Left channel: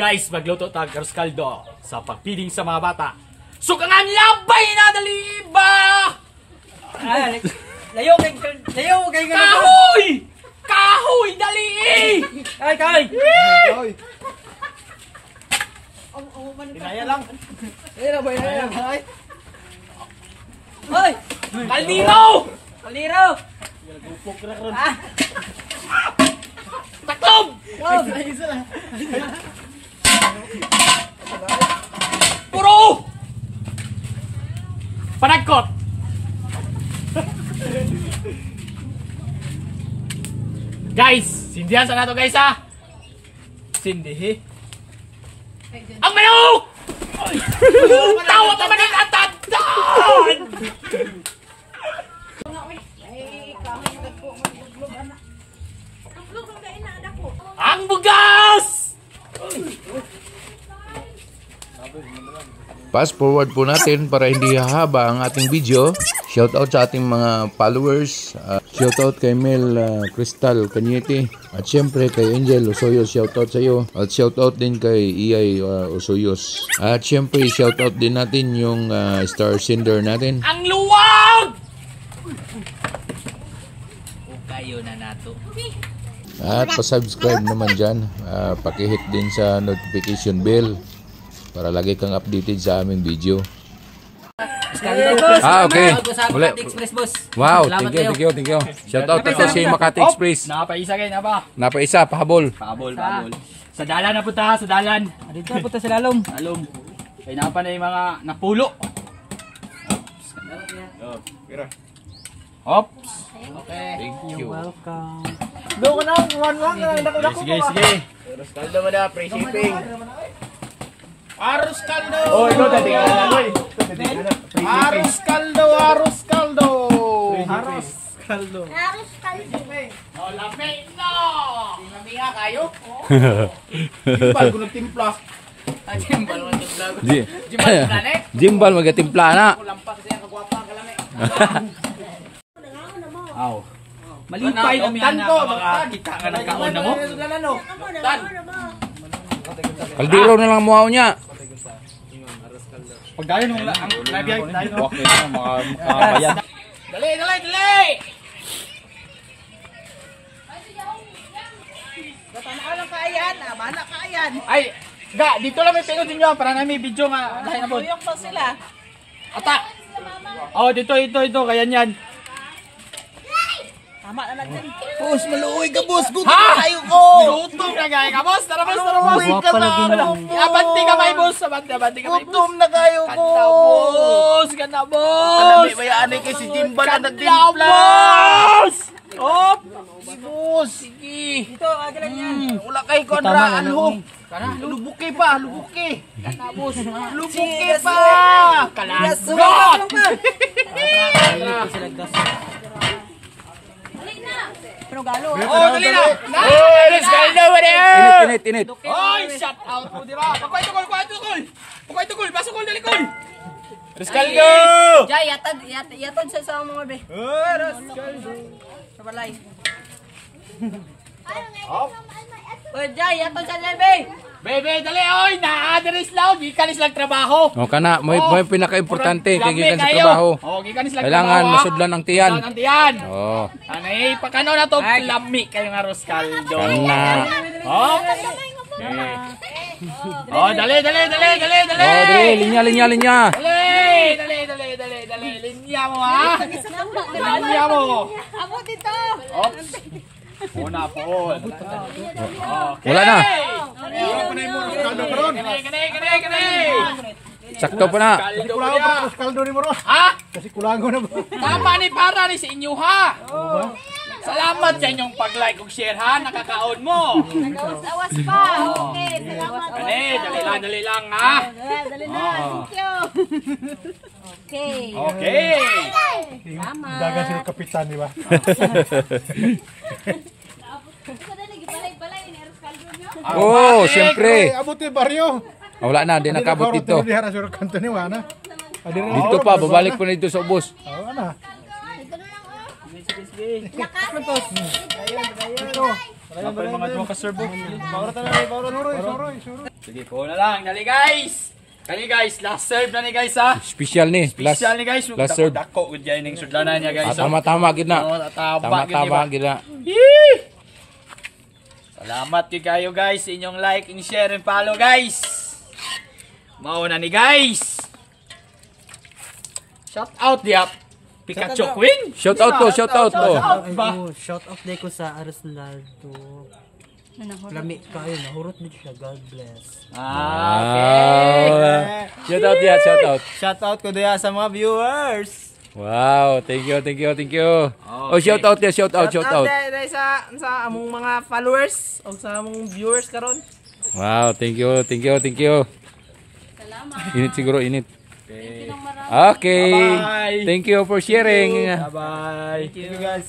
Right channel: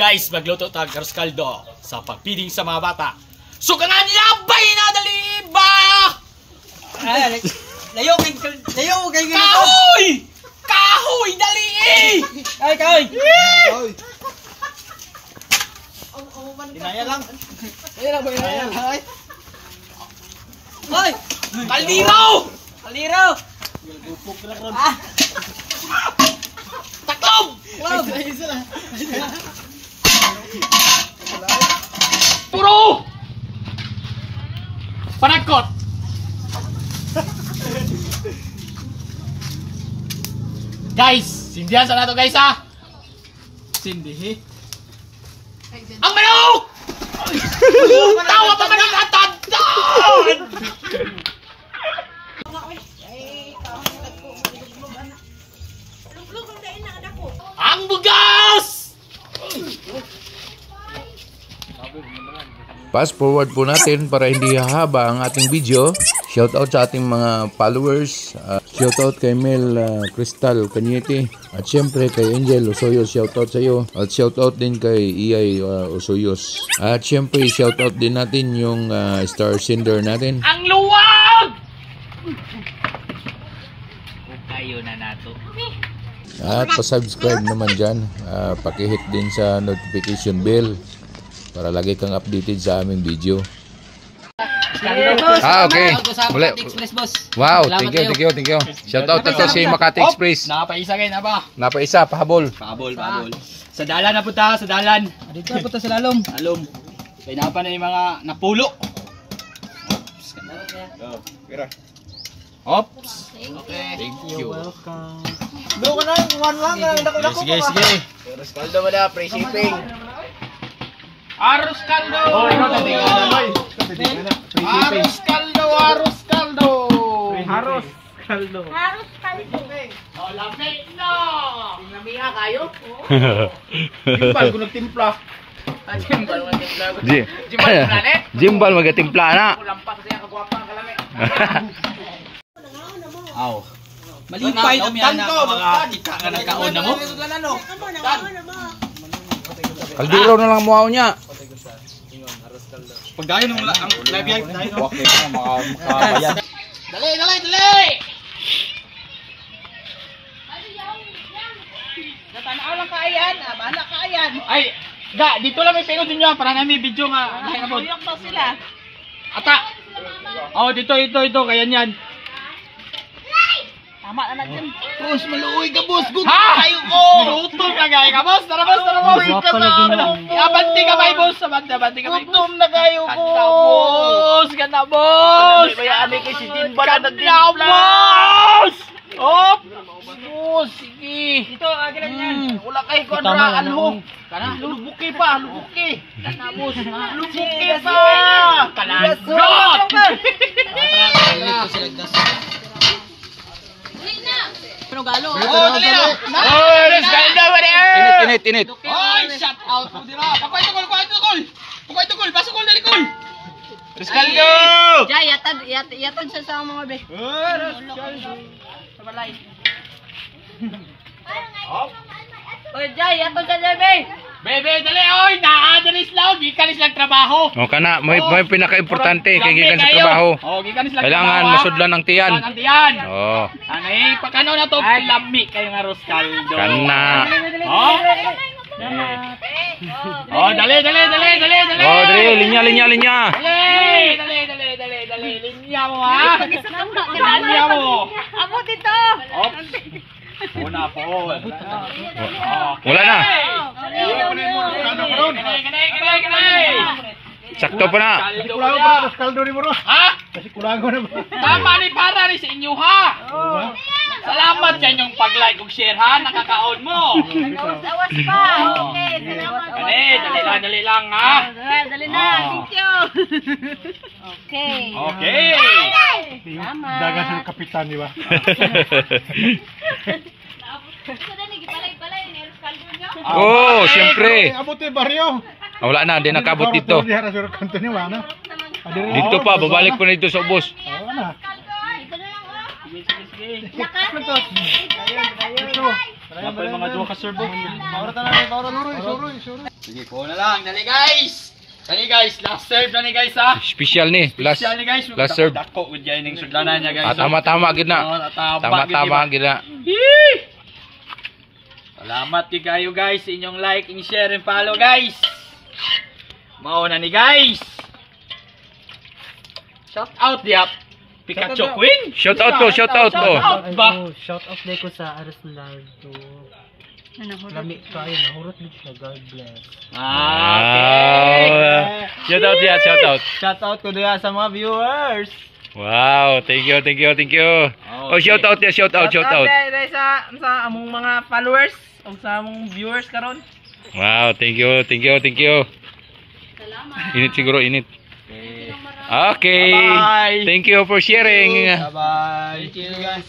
Guys, magluto tag arroz caldo sa pagpiding sa mga bata. Sukangan labay na dali ba? Layo kay kahoy! Kahoy dali! Ay kahoy. Kahoy. Dinaya lang. Ayun na ba yun? Ay! Kaldiro! Kaliro! Ah! Taklob! Club! Puro! Panagkot! Guys, sindihan sa nato guys ha! Sindihi. Ang manok! Tawa pa man natatandaan! Ang bugas! Fast forward po natin para hindi hahaba ang ating video. Shoutout sa ating mga followers. Shoutout kay Mel Crystal Cañete. At syempre kay Angel Osoyos. Shoutout sa iyo. At shoutout din kay Iyay Osoyos. At syempre shoutout din natin yung star sender natin. Ang luwag! Kayo na nato. At pa-subscribe naman dyan. Pakihit din sa notification bell para lagi kang updated sa aming video. Okay. Muli. Express boss. Wow, thank you. Shoutout na to si Makati Express. Napaisa kayo na ba? Napaisa, pahabol. Pahabol. Sa dalan na punta, sa dalan. Dito na po sa lalom. Alom. Kaya na pa na yung mga napulo. Ops. Okay. Thank you. Welcome. Doon ka na, one na, dako Sige. Arroz caldo mo na, free shipping. Arroz caldo! Oh, ikaw tating na, Loy. Arroz caldo! Oh, lamig na! Namiya kayo? Timpal ko nagtimpla. Jimbal mo timpla. Ji- Jimbal mo planet? Jimbal magatimpla na. Kulampas kasi ang kagwapa ang kalami. Aw. Malipay ang yan tan na ko. mga kita ka ng kaon na mo. Kaldero na lang muhaw niya. Pag dahil nung ang lagay. Okay na, makabayan. Dali! Tatanaw lang kaayan. Bahala kaayan. Ay, dito lang may pinod ninyo para na may video nga. Dahil na po. Yung pa sila. Ata! Oh, dito, kaya yan. Tama na natin. Boss, maluoy ka, boss. Gutom Ha? kayo ko. Gutom na gaya ka, boss! Tara, boss! Maluoy ka na. Abanti ka ba, boss? Abanti ka ba, boss? Gutom na kayo ko. Ganda, boss! Bayaan kay si Jimba na Ganda, nagtimpla. boss! Op! Boss, sige. Dito, agilan yan. Wala kayo ko anraan ho. Kana, Lubuki pa, lubuki. ganda, boss! Lubuki pa. Kalagot! Pero galo. Oh, dali na! Oh, let's go over Init. Oy, shout out mo dira! Pakoy to gol! Pasok gol, dali gol! Caldo. Jay, yatan sa mga be. Sa balay. Oy, Jay, yatan sa be. Bebe, dali! Oy, naadanis lang! Gikanis lang trabaho! O kana, may pinaka-importante kay gikan sa Lami trabaho. kayo. Oh, gikanis lang Kailangan trabaho, ha? masudlan ang tiyan. Ang tiyan! Oh, Anay, pakano na to? Lami kayong arroz caldo. kana. Oh! Oh, dali! Oh, dre, linya. Dali! Linya mo, ha? Linya mo! Amo dito. Ops! Una po. Okay. Wala na. Kanay! Sakto pa na. Caldo ni Moro. Ha? Kasi kulango na ba? Tama ni para ni sa inyo, ha? Salamat sa inyong pag-like ug share, ha? Nakakaon mo. Awas pa. Okay, salamat. Dali lang, ha? Dali na. Thank you. Okay. Okay. Tama. Dagan sa kapitan, di ba? Oh, siyempre. Abuti baryo. Wala na, di nakabot dito. Di harap sa kanto ni Wana. Dito pa, babalik pa na dito sa ubos. Oo na. Sige. Ito. Wala pa yung mga duwa ka-serve. Bawra talaga, bawra Nuroy. Sige, ko na lang. Dali guys! Dali guys, last serve na ni guys ha. Special ni. Last Special ni guys. last serve. Dako with yan yung sudlanan niya guys. Tama gid na. Tama gid na. Salamat kayo guys sa inyong like, and share, and follow guys. Mauna ni guys. Shout out diap. Pikachu Queen. Shout out ko. Shout out ba? Shout out day ko sa Aras Lardo. Lami kayo, nahurot din siya. God bless. Okay. Shout out dia, shout out. Shout out ko diya sa mga viewers. Wow, thank you. Oh, shout out dia, shout out. Day sa among mga followers o sa among viewers karon. Wow, thank you. Init siguro, init. Okay. Bye-bye. Thank you for sharing. Bye-bye. Thank you guys.